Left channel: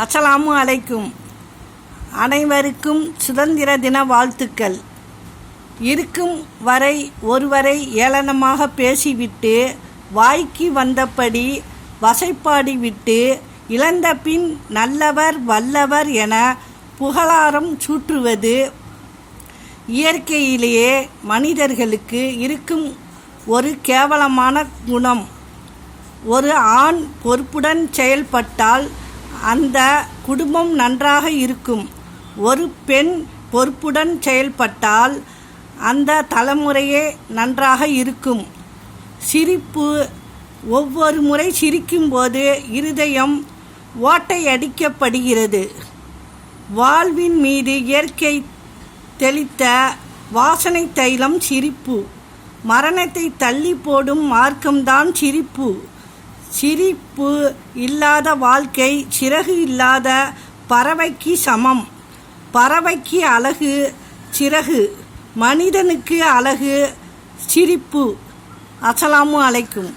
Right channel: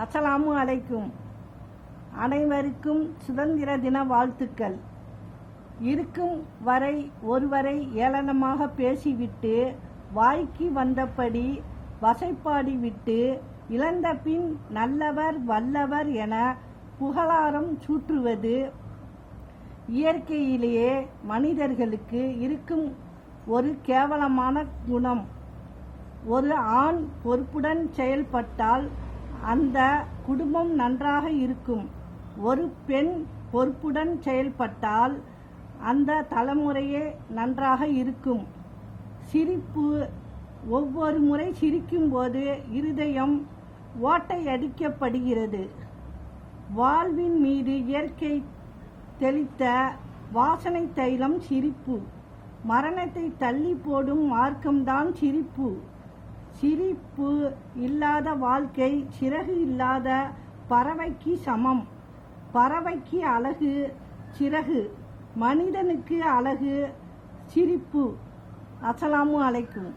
அஸ்ஸலாமு அலைக்கும். அனைவருக்கும் சுதந்திர தின வாழ்த்துக்கள். இருக்கும் வரை ஒருவரை ஏளனமாக பேசிவிட்டு வாய்க்கு வந்தபடி வசைப்பாடிவிட்டு இழந்த பின் நல்லவர் வல்லவர் என புகழாரம் சூட்டுவது இயற்கையிலேயே மனிதர்களுக்கு இருக்கும் ஒரு கேவலமான குணம். ஒரு ஆண் பொறுப்புடன் செயல்பட்டால் அந்த குடும்பம் நன்றாக இருக்கும். ஒரு பெண் பொறுப்புடன் செயல்பட்டால் அந்த தலைமுறையே நன்றாக இருக்கும். சிரிப்பு. ஒவ்வொரு முறை சிரிக்கும்போது இருதயம் ஓட்டையடிக்கப்படுகிறது. வாழ்வின் மீது இயற்கை தெளித்த வாசனை தைலம் சிரிப்பு. மரணத்தை தள்ளி போடும் மார்க்கம்தான் சிரிப்பு. சிரிப்பு இல்லாத வாழ்க்கை சிறகு இல்லாத பறவைக்கு சமம். பறவைக்கு அழகு சிறகு, மனிதனுக்கு அழகு சிரிப்பு. அஸ்ஸலாமு அலைக்கும்.